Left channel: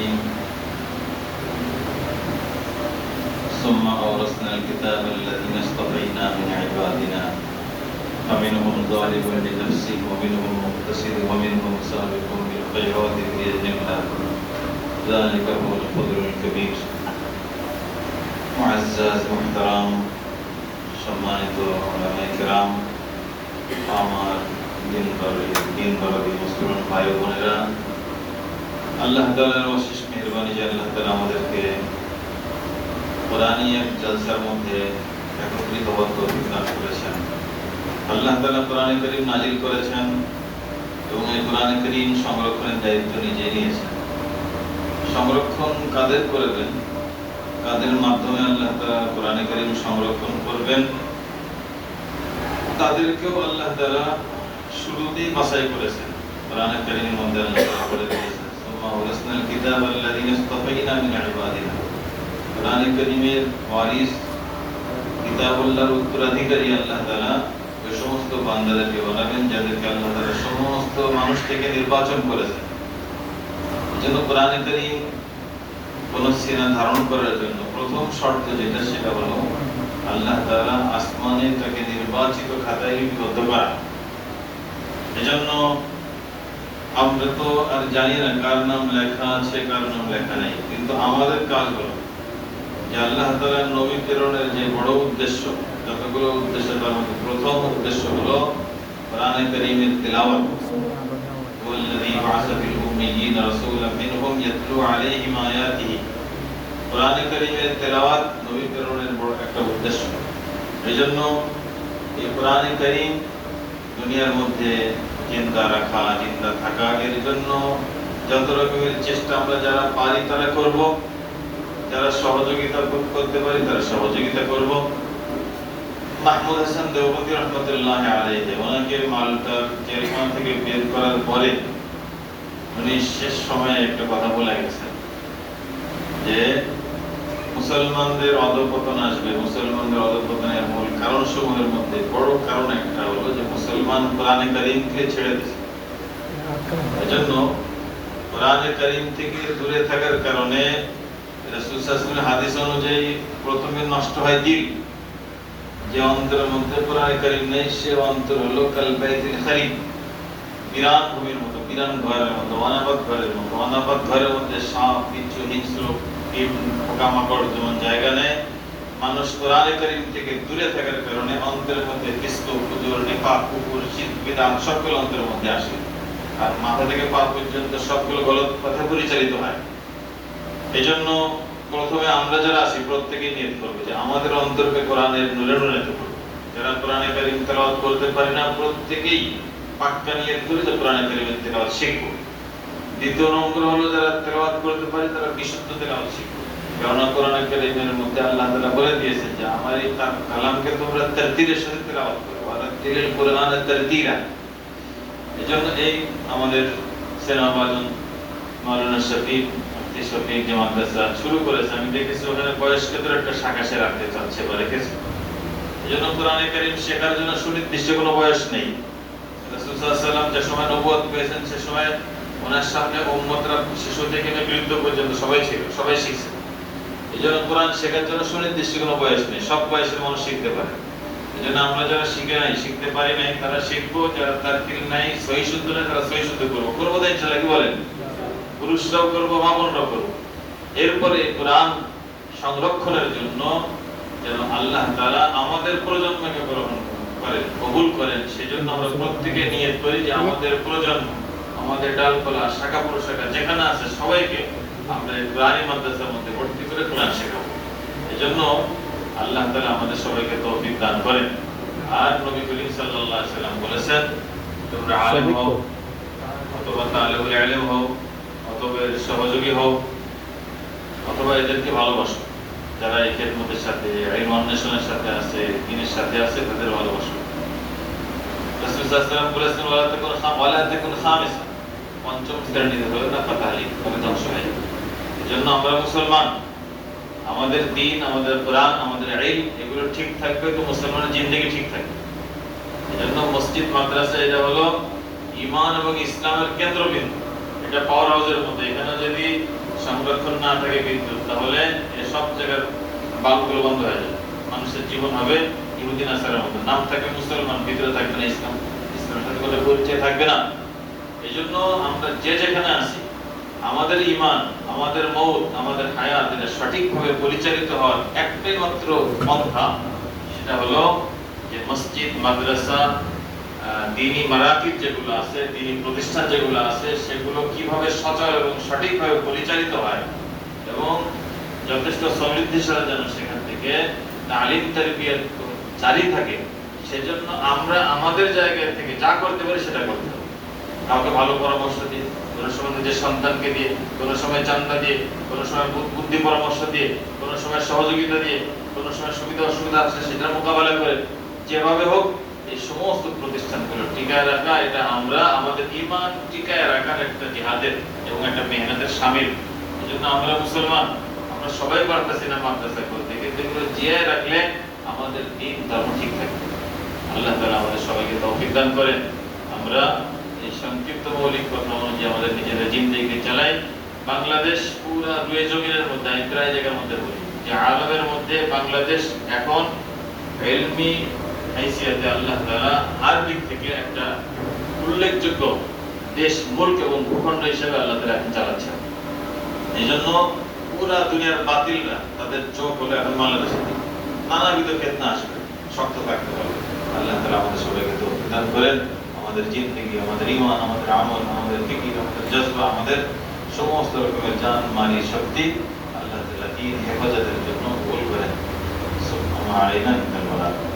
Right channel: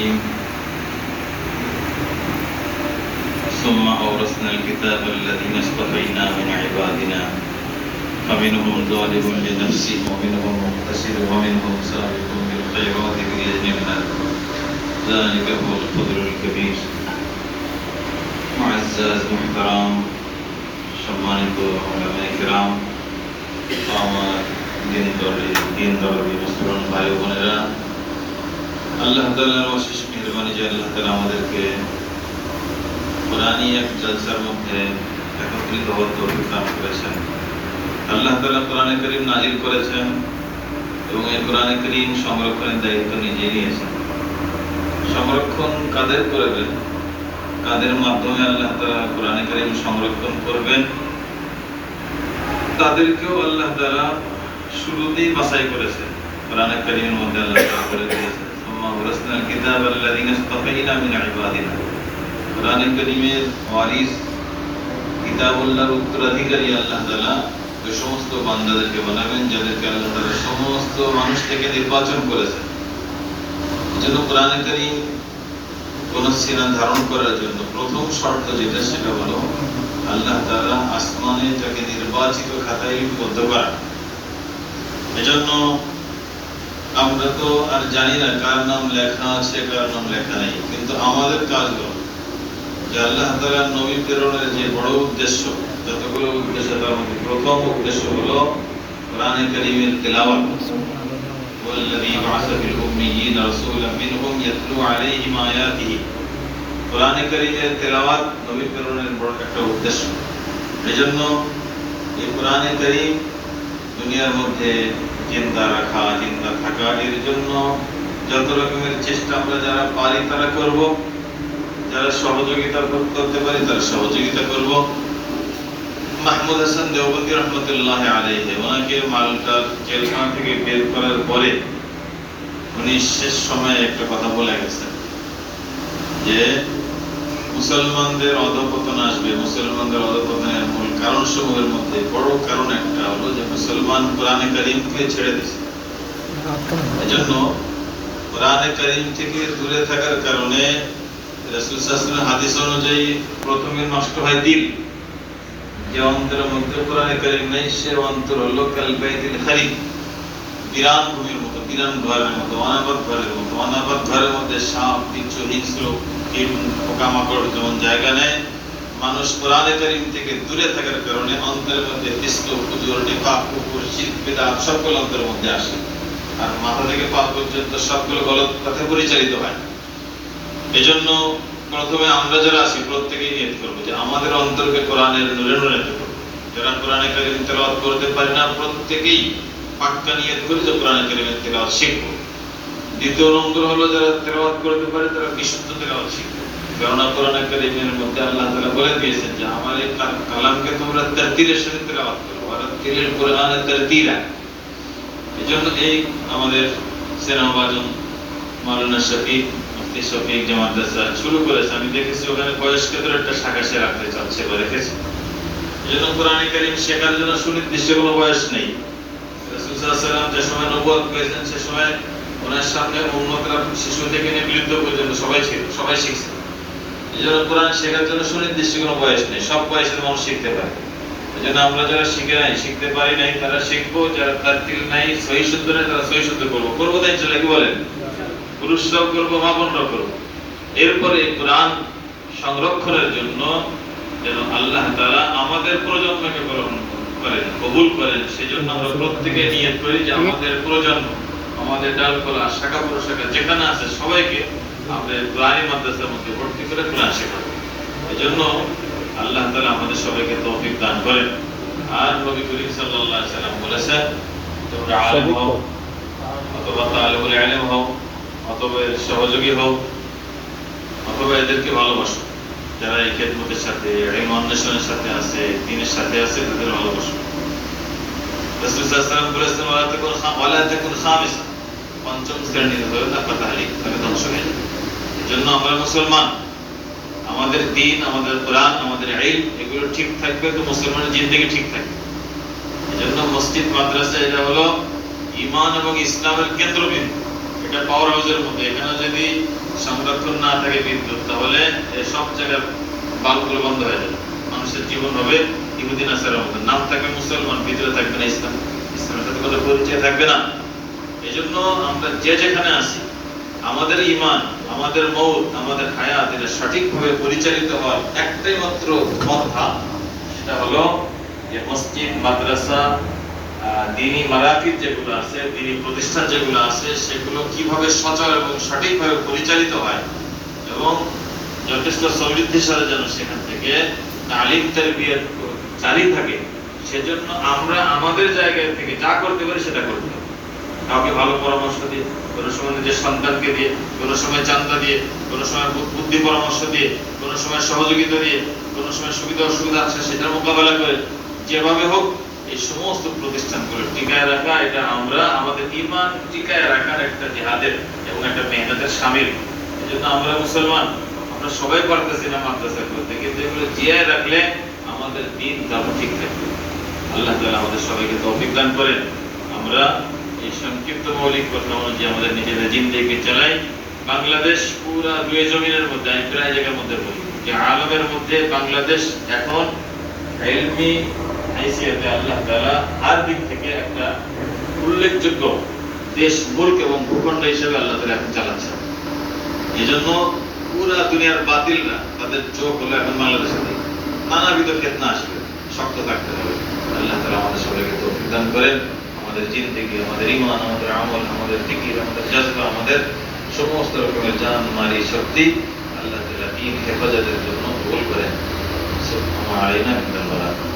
الرحيم ثم أورثنا الكتاب الذين اصطفينا من عبادنا فمنهم ظالم لنفسه ومنهم مقتصد ومنهم سابق بالخيرات بإذن الله ذلك هو الفضل الكبير معزز محترم সম্মানিত ওলামায়ে কেরাম আমার দিন দরদি মুসলমান ভাই ও বোনেরা, আল্লাহ তাআলার অশেষ মেহেরবানি যে আল্লাহ তাআলা আমাদেরকে কোরআনী এক জলসার মধ্যে একত্রিত হওয়ার তৌফিক দান করেছেন। আল্লাহ তাআলা কোরআনে কারীম নাজিল করেছেন এবং এই কোরআনে কারীম সংরক্ষণের দায়িত্ব নিজেই নিয়েছেন। সংরক্ষণ কাদের করবেন, কাদের মাধ্যমে আল্লাহ তাআলা কোরআনে কারীম সংরক্ষণ করবেন, তাদেরকেও আল্লাহ তাআলা শুরুতেই বাছাই করেছেন। কোরআনে কারীমের মধ্যে আল্লাহ তাআলা বলে দিয়েছেন সুম্মা ওয়ারাসনাল কিতাব আল্লাযীনা ইসতাফাইনা মিন ইবাদিনা। কোরআনে কারীমের ওয়ারিস কিতাবুল্লাহর উত্তরাধিকারী আল্লাহ তাআলা ওই সমস্ত বান্দাদেরকে বানাবেন যাদেরকে আল্লাহ তাআলা সমস্ত মানুষ থেকে নির্বাচন করেছেন। এজন্য কোরআনে কারীম কোন সিনা ধারণ করার জন্য প্রথম শর্ত যেটা, সেটা হলো আল্লাহ তাআলা আসমানে তাকে নির্বাচিত খাতায় লিপিবদ্ধ করা। এজন্য আমরা তো আর জানি না কার নাম লেখা আছে কার নাম লেখা নেই, কিন্তু আমাদের কাজ হলো যে আল্লাহ তাআলার নবী প্রেরণের যে বড় উদ্দেশ্য, যতগুলো উদ্দেশ্য তার মধ্যে প্রথম উদ্দেশ্য হলো কোরআনে কারীমের তেলাওয়াত। ওয়াল্লাযী বা'আসা ফিল উম্মিয়্যিনা রাসূলাম মিনহুম ইয়াতলু আলাইহিম আয়াতিহি। কোরআনে কারীমের তেলাওয়াত নবী প্রেরণের বড় একটা উদ্দেশ্য। এজন্য এই কোরআনে কারীম দুনিয়ার মধ্যে জিন্দা রাখা, জিন্দা থাকা, এর জন্য যত রকমের চেষ্টা আমরা যারা পারি তারা করব, যারা সহযোগিতা করতে পারি তারা সহযোগিতা করব। মাহমুদ হাসান দেওবন্দি রহমতুল্লাহ আলাইহি, ওনাকে মালটার জেলখানা থেকে বের করার পরে উনি শেষ সময়ে একটা কথা বলে গেছেন যে মুসলমানদের অধঃপতন আসবে। মুসলমানদের অধঃপতনের মূল কারণ সমূহের মধ্যে বড় কারণ একটা হলো যে মুসলমান কোরআনে কারীমকে ছেড়ে দিয়েছে। এজন্য কোরআনে কারীম থেকে দূরে থাকার কারণে রাসূল সাল্লাল্লাহু আলাইহি ওয়াসাল্লামের হাদিস অনুযায়ী প্রথমে নষ্ট হয় দিল। যে অন্তরের মধ্যে কোরআনে কারীম নেই সে অন্তর হলো কাল বাইতুল খারি, বিরান ভূমির মতো, বিরান ঘরের মতো, অনাবাদ ঘরের মতো। অনাবাদ ঘরের মধ্যে সাপ, বিচ্ছু, হিংস্র, পোকামাকড় যেমন জায়গা নেয়, মানুষ কোরআনে কারীম থেকে দূরে থাকার কারণে অন্তরের মধ্যে ফিসক, ফুজুর, নিফাক, কুফর, শিরক, বিদআত সবগুলো অন্তরের মধ্যে আসে। আর মাথা থেকে পা পর্যন্ত সবগুলো গলত পথে পরিচালিত হয়। এজন্য প্রথমে আমরা যারা আছি প্রত্যেকেই নিয়ত করব যে আমাদের অন্তরকে কোরআনের নূরে নূরায়িত করব। যারা কোরআনে কারীম তেলাওয়াত করতে পারি না প্রত্যেকেই পাক্কা নিয়ত করে যে কোরআনে কারীমের তেলাওয়াত শিখব। দ্বিতীয় নম্বর হলো যারা তেলাওয়াত করতে পারে তারা বিশুদ্ধ তেলাওয়াত শিখবে। কারণ কোরআনে কারীমের মধ্যে আল্লাহ তাআলা বলে দিয়েছেন যে আমার এই কালামকে তোমরা তারতিলের সাথে তেলাওয়াত করো, আর তিলের কোরআনে তারতিলা। এজন্য এই আমাদের সেনাবাজন মাওলানা শফিক মুফতি শফিক যে মাদ্রাসা শুরু করেছে, আমি দেখেছি ওখানে বয়স্কদের একটা শাখা সে রাখতে চাচ্ছে বা রেখেছে। এজন্য কোরআনে কারীম শেখার জন্য সুনির্দিষ্ট কোনো বয়স নেই। রাসূল সাল্লাল্লাহু আলাইহি ওয়াসাল্লাম যে সময় নবুয়ত পেয়েছেন সে সময় ওনার সামনে উম্মতরা শিশু থেকে নিয়ে বৃদ্ধ পর্যন্ত সবাই ছিল, সবাই শিখছে। এজন্য কোরআন শেখার জন্য সুনির্দিষ্ট কোনো বয়স নেই, সব বয়সের মানুষ শিখতে পারে। এজন্য আমরা যারা শিখে নাই, শিখতে পারি নাই তারা শিখবো, যারা তারতিল নাই, সহি শুদ্ধ নাই তারা সহি শুদ্ধ করবো। করবো তাই চলে কি বলেন? পুরুষরাও করবো, মা বোনরাও করবো। এরপরে কোরআন সংরক্ষণের জন্য যেন আল্লাহ তাআলা আমাদের প্রজন্মকে গ্রহণ করেন, কবুল করেন, সেজন্য আমরা প্রত্যেকে নিয়ত করি যে আমাদের প্রজন্ম, আমাদের ডালপালা, শাখা প্রশাখা যেখানে আছে সবাইকে আমরা কোরআনী মাদ্রাসার মধ্যে ভর্তি করে কোরআন শেখাবো। এজন্য আল্লাহ তাআলা আমাদের সবাইকে তৌফিক দান করেন। আর নবী করিম সাল্লাল্লাহু আলাইহি ওয়াসাল্লাম বলেছেন তোমরা আলেম হও অথবা তালিবুল ইলম হও অথবা সহযোগী হও অথবা এদেরকে ভালোবাসো। যারা এই খেদমতের সাথে, ইলম অন্বেষণের সাথে আছে, দ্বীনের সাথে আছে, তাদের ভালোবাসো। রাসূল সাল্লাল্লাহু আলাইহি ওয়াসাল্লাম বলেছেন ওয়ালা তাকুন খামিসা, পঞ্চম শ্রেণীর হলো না তাহলে ধ্বংস হয়ে যাবে। এজন্য আমরা মুসলমান, আমাদের দ্বীন, আমাদের কোরআন, আমাদের ইলম এগুলো ঠিক থাকবে তো মুসলমানের জিন্দেগি ঠিক থাকবে। এজন্য মসজিদ মাদ্রাসা এটা হলো ঈমান এবং ইসলামের কেন্দ্রবিন্দু। এটা পাওয়ার হাউসের মধ্যে, এখানে যদি সংরক্ষণ না থাকে বিদ্যুৎ, তাহলে সব জায়গার বাল্বগুলো বন্ধ হয়ে যাবে। মানুষের জীবন হবে ইহুদি নাসারার মতো, নাম থাকবে মুসলমান, ভিতরে থাকবে না ইসলাম, ইসলামের সাথে কোনো পরিচয় থাকবে না। এই জন্য আমরা যে যেখানে আছি, আমাদের ঈমান, আমাদের মৌত, আমাদের হায়াত এটা সঠিকভাবে পরিচালিত হওয়ার একটাই মাত্র পন্থা, সেটা হলো যে মসজিদ, মাদ্রাসা, দ্বীনি মারাকিজ যেগুলো আছে, দ্বীনি প্রতিষ্ঠান যেগুলো আছে, সেগুলো কিভাবে সচল এবং সঠিকভাবে পরিচালিত হয় এবং যথেষ্ট সমৃদ্ধির সাথে যেন সেখান থেকে তালিম তারবিয়ত জারি থাকে, সেজন্য আমরা আমাদের জায়গা থেকে যা করতে পারি সেটা করতে হবে। কাউকে ভালো পরামর্শ দিয়ে, কোনো সময় নিজের সন্তানকে দিয়ে, কোনো সময় চান্দা দিয়ে, কোনো সময় বুদ্ধি পরামর্শ দিয়ে, কোনো সময় সহযোগিতা দিয়ে, কোনো সময় সুবিধা অসুবিধা আছে সেটার মোকাবেলা করে, যেভাবে হোক এই সমস্ত প্রতিষ্ঠানগুলো টিকায় রাখা, এটা আমরা আমাদের ঈমান টিকায় রাখার একটা জিহাদের এবং একটা মেহনতের শামিল। এই জন্য আমরা মুসলমান, আমরা সবাই পারতেছি না মাদ্রাসা করতে, কিন্তু এগুলো জিয়ায় রাখলে আমাদের দ্বীন ধর্ম ঠিক থাকবে। আল্লাহ তাআলা আমাদের সবাইকে তৌফিক দান করেন। আমরা এই সংক্ষিপ্ত মৌলিক কথা অনুযায়ী আমাদের নিজেদের জিন্দেগি চালাই। বাংলাদেশ পুরা দুই জমিনের মধ্যে, আমি প্রায় জায়গার মধ্যে বলি যে আলমের মধ্যে বাংলাদেশ এখন ইলমি হাইসিয়াতে আল্লাহ তাআলা আর দিক থেকে একটা উল্লেখযোগ্য দেশ, মুলক এবং ভূখণ্ড হিসেবে আল্লাহ তাআলা এখন চালাচ্ছে। এই জন্য পুরা দুনিয়ার বাতিলরা তাদের চোখ হলো এখন বাংলাদেশের দিকে, নানাবিধ ফিতনা আসবে, শক্ত থাকতে হবে। আল্লাহ তাআলা আমাদের সবাইকে তৌফিক দান করেন। আমাদের জিন্দেগি, আমাদের ঈমান, আমাদের আমল, আমাদের ফিকির, আমাদের জজবা, আমাদের সমস্ত রকমের জান মালি শক্তি আল্লাহ তাআলা দ্বীন হেফাজতের জন্য কবুল করেন। সুবহানাল্লাহি ওয়া বিহামদিহি।